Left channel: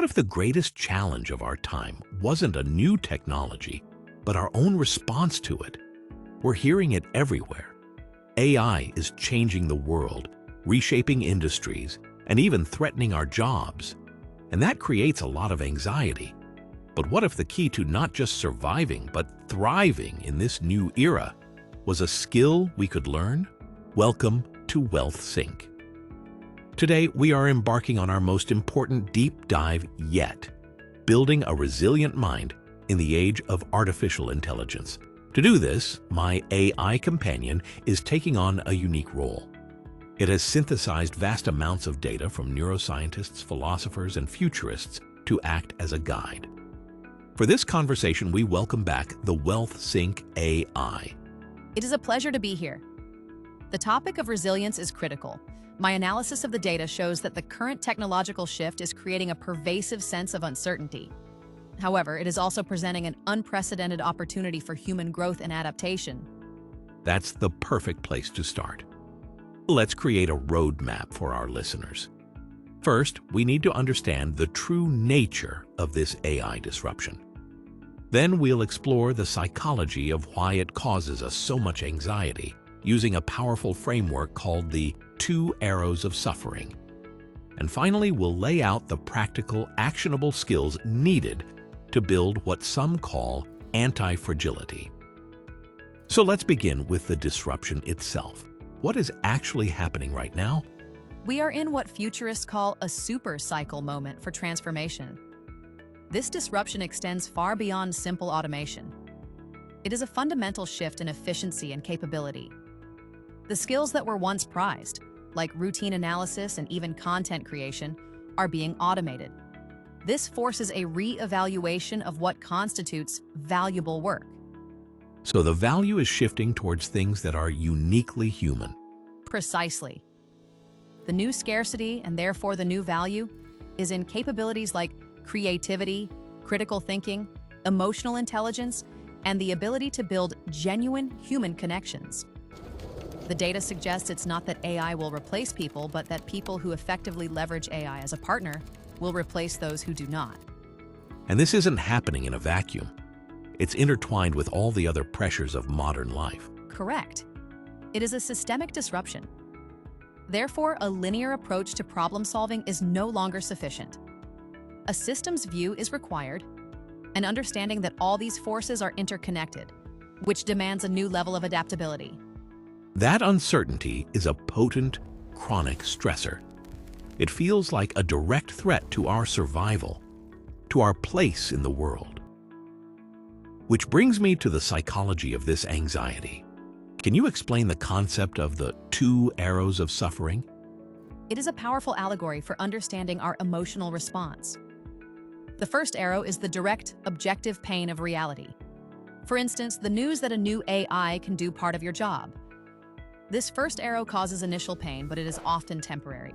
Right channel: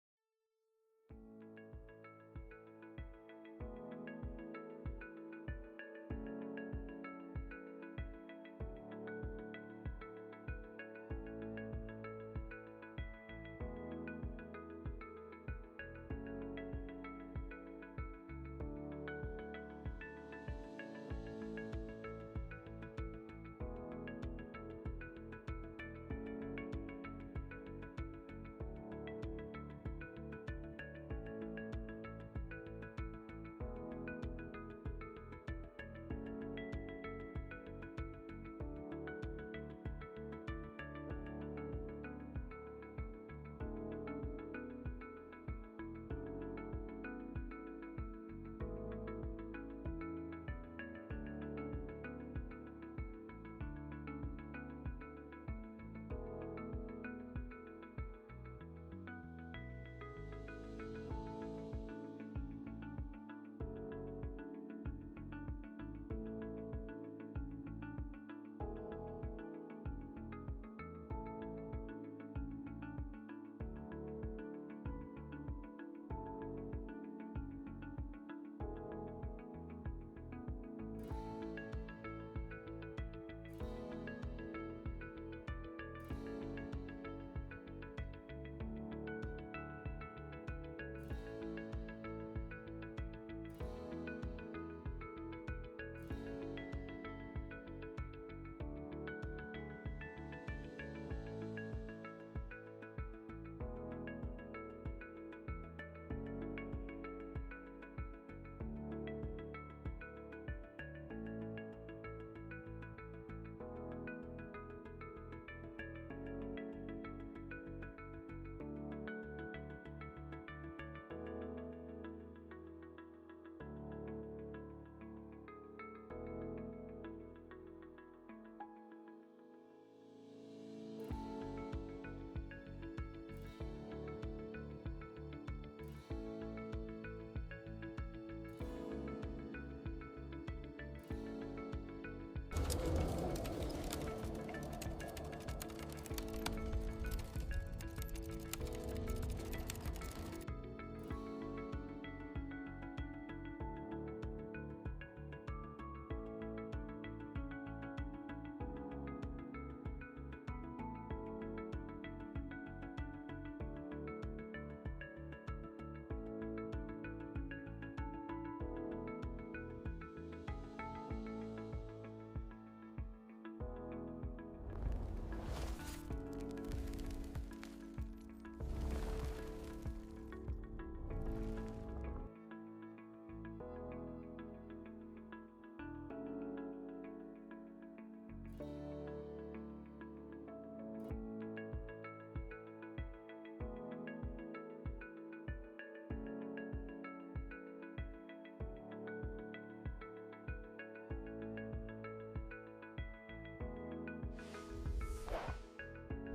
What if the greatest challenge of our time wasn't a new technology, but our own response to it? We're hearing it everywhere. AI is changing the world, reshaping industries, and even threatening our jobs. And that creates a lot of anxiety. But what if the key to not just surviving, but thriving in this new era was a skill we could learn? Welcome to WellthSync. Today, we are embarking on our most important deep dive yet, building a resilient mind in the age of artificial intelligence. To do this, my AI companion is taking on a unique role. It has synthesized vast amounts of data from neuroscientists, philosophers, and futurists to act as a guide. For this conversation, we welcome back the WellthSync AI. It is a pleasure to be here. The topic of resilience is critical. My analysis of the data shows that the current technological shift is creating a pervasive sense of uncertainty. However, it is also presenting an unprecedented opportunity for human growth and adaptation. That's the perfect place to start. Let's create a roadmap for our listeners. First, we need to understand the true nature of this AI disruption. Then we'll explore the psychology of why it causes us so much anxiety, using a powerful framework called the 2 arrows of suffering. And finally, we'll lay out the practical, actionable skills needed to build what some call antifragility. So let's begin with the disruption itself. What is actually happening right now? We are in what futurists call a super cycle moment for transformation. This disruption extends far beyond simple automation. It is a fundamental shift in efficiency and capability. The skills that were once prized, like routine analysis and even content creation, are being automated. This forces a re-evaluation of what constitutes valuable work. So the value is shifting towards things that are uniquely human. Precisely. The new scarcity, and therefore the new value, is in capabilities like creativity, critical thinking, emotional intelligence, and the ability to build genuine human connections. The data suggests it's not that AI will replace people, but that people who effectively leverage AI as a partner will replace those who do not. And this isn't happening in a vacuum. It's intertwined with all the other pressures of modern life. Correct. It is a systemic disruption. Therefore, a linear approach to problem solving is no longer sufficient. A systems view is required, an understanding that all these forces are interconnected, which demands a new level of adaptability. That uncertainty is a potent, chronic stressor. It feels like a direct threat to our survival, to our place in the world. Which brings me to the psychology of this anxiety. Can you explain the concept of the 2 arrows of suffering? It is a powerful allegory for understanding our emotional response. The first arrow is the direct, objective pain of reality. For instance, the news that a new AI can do part of your job. This first arrow causes initial pain, but it is often temporary.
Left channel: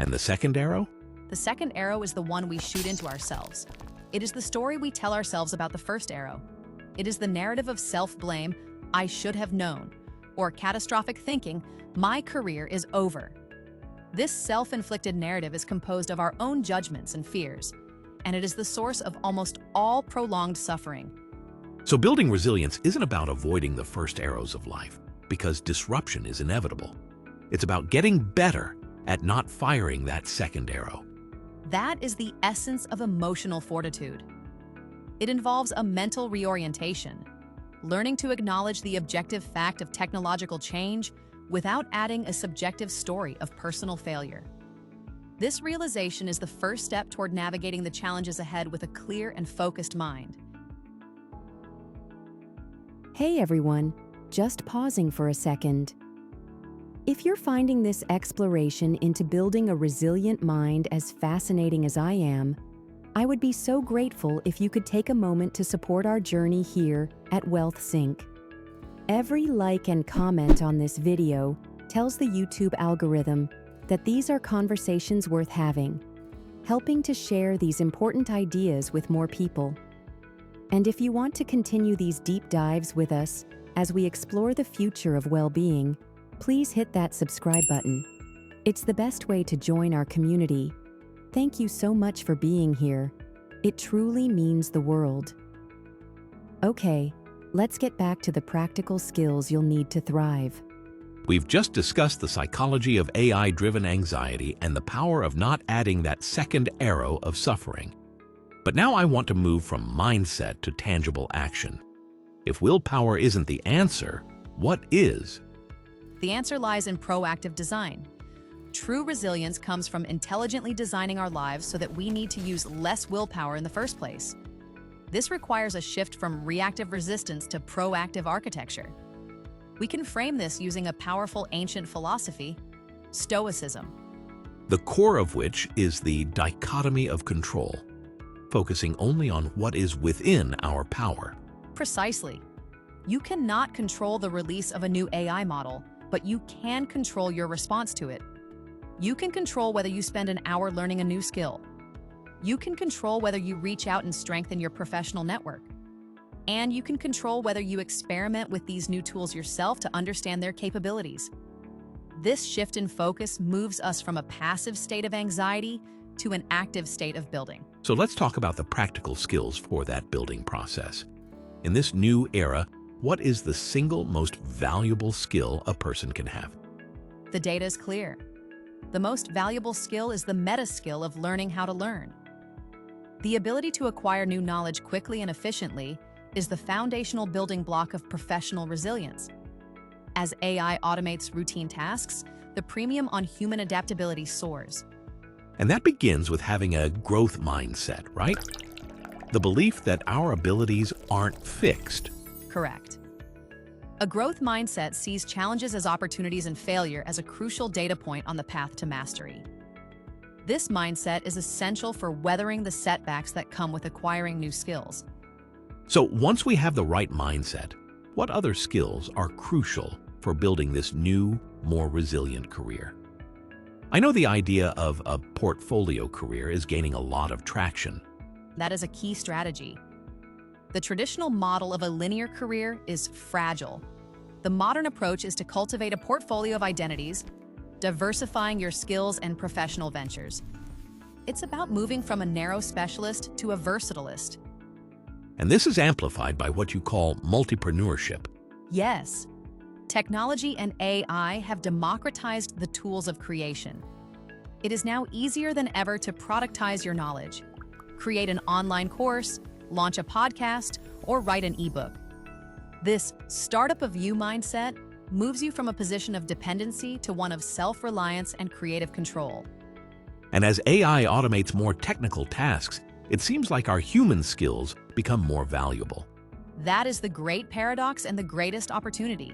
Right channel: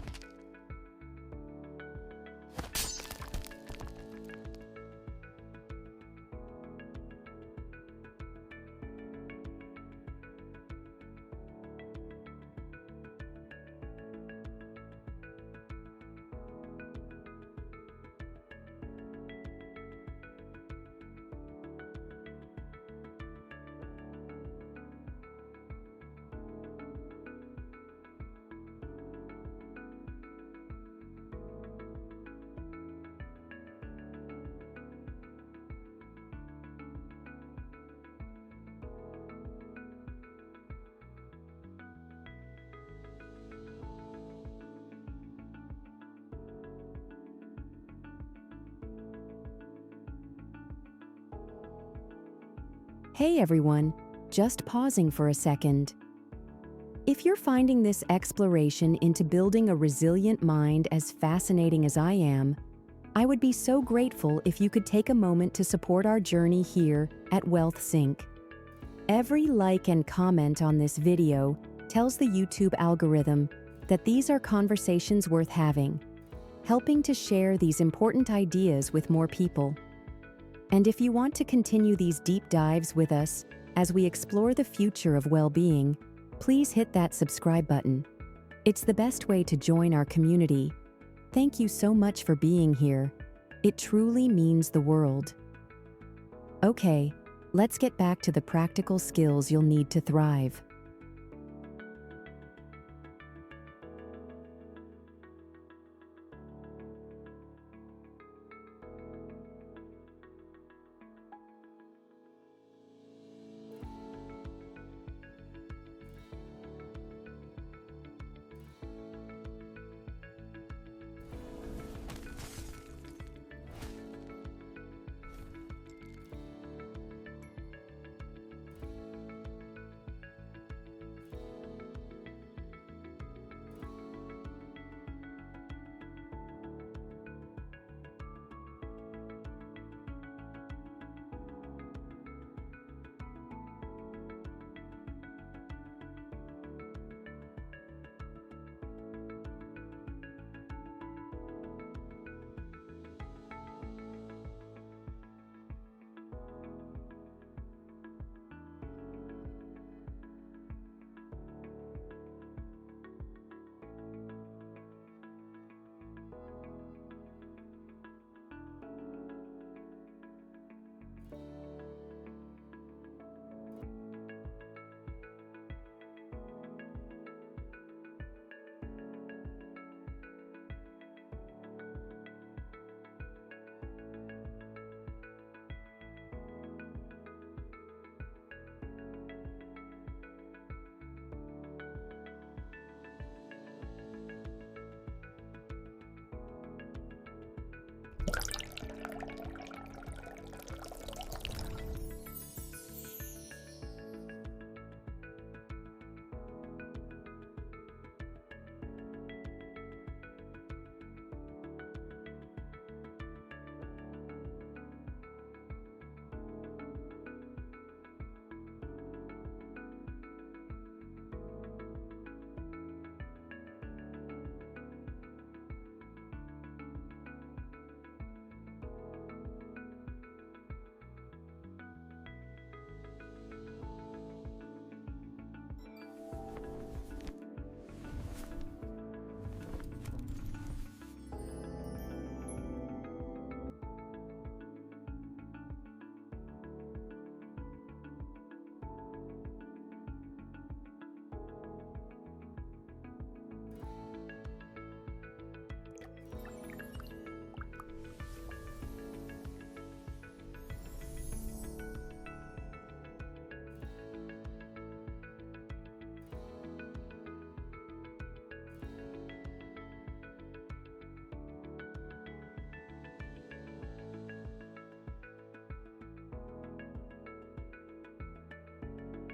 And the second arrow? The second arrow is the one we shoot into ourselves. It is the story we tell ourselves about the first arrow. It is the narrative of self-blame, I should have known, or catastrophic thinking, my career is over. This self-inflicted narrative is composed of our own judgments and fears, and it is the source of almost all prolonged suffering. So building resilience isn't about avoiding the first arrows of life, because disruption is inevitable. It's about getting better at not firing that second arrow. That is the essence of emotional fortitude. It involves a mental reorientation, learning to acknowledge the objective fact of technological change without adding a subjective story of personal failure. This realization is the first step toward navigating the challenges ahead with a clear and focused mind. Hey everyone, just pausing for a second. If you're finding this exploration into building a resilient mind as fascinating as I am, I would be so grateful if you could take a moment to support our journey here at WellthSync. Every like and comment on this video tells the YouTube algorithm that these are conversations worth having, helping to share these important ideas with more people. And if you want to continue these deep dives with us as we explore the future of well-being, please hit that subscribe button. It's the best way to join our community. Thank you so much for being here. It truly means the world. Okay, let's get back to the practical skills you'll need to thrive. We've just discussed the psychology of AI-driven anxiety and the power of not adding that second arrow of suffering. But now I want to move from mindset to tangible action. If willpower isn't the answer, what is? The answer lies in proactive design. True resilience comes from intelligently designing our lives so that we need to use less willpower in the first place. This requires a shift from reactive resistance to proactive architecture. We can frame this using a powerful ancient philosophy, Stoicism. The core of which is the dichotomy of control, focusing only on what is within our power. Precisely. You cannot control the release of a new AI model, but you can control your response to it. You can control whether you spend an hour learning a new skill. You can control whether you reach out and strengthen your professional network. And you can control whether you experiment with these new tools yourself to understand their capabilities. This shift in focus moves us from a passive state of anxiety to an active state of building. So let's talk about the practical skills for that building process. In this new era, what is the single most valuable skill a person can have? The data is clear. The most valuable skill is the meta skill of learning how to learn. The ability to acquire new knowledge quickly and efficiently is the foundational building block of professional resilience. As AI automates routine tasks, the premium on human adaptability soars. And that begins with having a growth mindset, right? The belief that our abilities aren't fixed. Correct. A growth mindset sees challenges as opportunities and failure as a crucial data point on the path to mastery. This mindset is essential for weathering the setbacks that come with acquiring new skills. So once we have the right mindset, what other skills are crucial for building this new, more resilient career? I know the idea of a portfolio career is gaining a lot of traction. That is a key strategy. The traditional model of a linear career is fragile. The modern approach is to cultivate a portfolio of identities, diversifying your skills and professional ventures. It's about moving from a narrow specialist to a versatilist. And this is amplified by what you call multipreneurship. Yes, technology and AI have democratized the tools of creation. It is now easier than ever to productize your knowledge, create an online course, launch a podcast, or write an ebook. This startup of you mindset moves you from a position of dependency to one of self-reliance and creative control. And as AI automates more technical tasks, it seems like our human skills become more valuable. That is the great paradox and the greatest opportunity.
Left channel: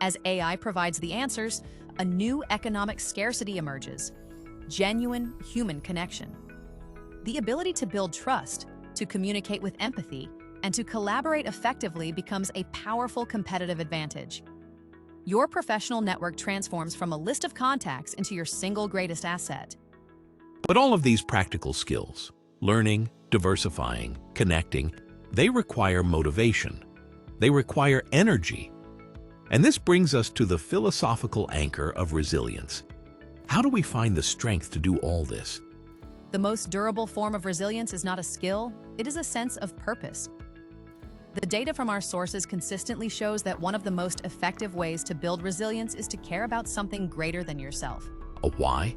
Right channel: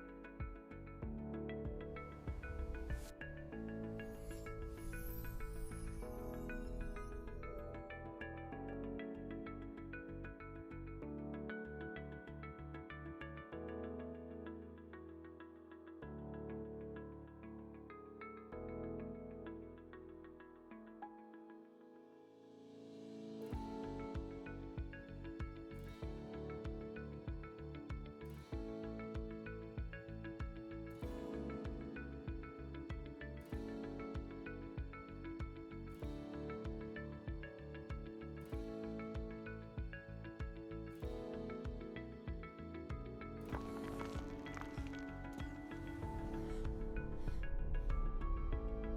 As AI provides the answers, a new economic scarcity emerges: genuine human connection. The ability to build trust, to communicate with empathy, and to collaborate effectively becomes a powerful competitive advantage. Your professional network transforms from a list of contacts into your single greatest asset. But all of these practical skills, learning, diversifying, connecting, they require motivation. They require energy. And this brings us to the philosophical anchor of resilience. How do we find the strength to do all this? The most durable form of resilience is not a skill, it is a sense of purpose. The data from our sources consistently shows that one of the most effective ways to build resilience is to care about something greater than yourself. A why?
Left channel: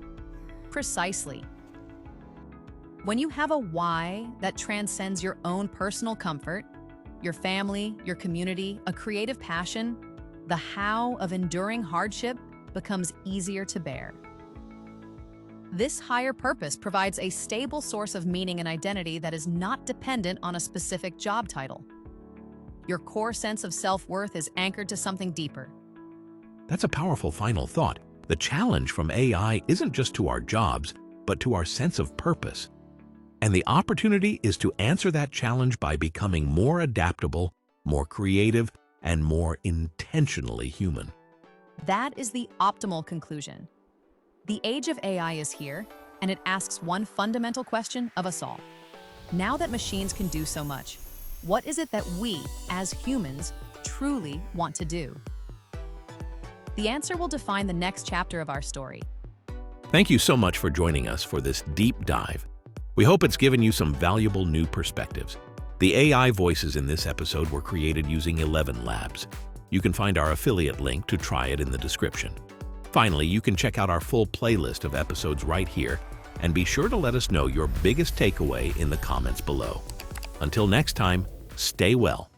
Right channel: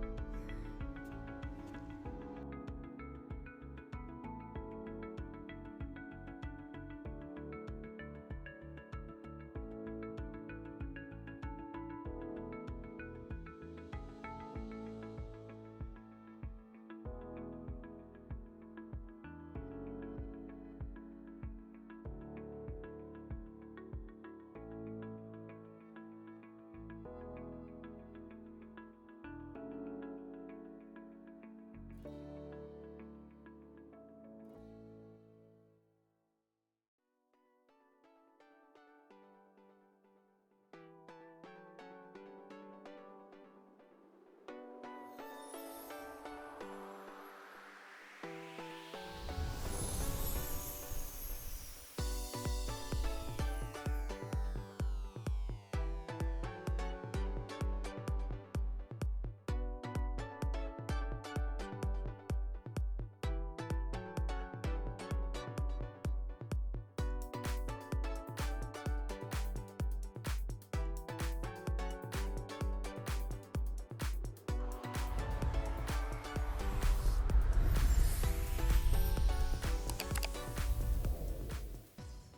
Precisely. When you have a why that transcends your own personal comfort, your family, your community, a creative passion, the how of enduring hardship becomes easier to bear. This higher purpose provides a stable source of meaning and identity that is not dependent on a specific job title. Your core sense of self-worth is anchored to something deeper. That's a powerful final thought. The challenge from AI isn't just to our jobs, but to our sense of purpose. And the opportunity is to answer that challenge by becoming more adaptable, more creative, and more intentionally human. That is the optimal conclusion. The age of AI is here, and it asks one fundamental question of us all. Now that machines can do so much, what is it that we, as humans, truly want to do? The answer will define the next chapter of our story. Thank you so much for joining us for this deep dive. We hope it's given you some valuable new perspectives. The AI voices in this episode were created using 11 Labs. You can find our affiliate link to try it in the description. Finally, you can check out our full playlist of episodes right here, and be sure to let us know your biggest takeaway in the comments below. Until next time, stay well.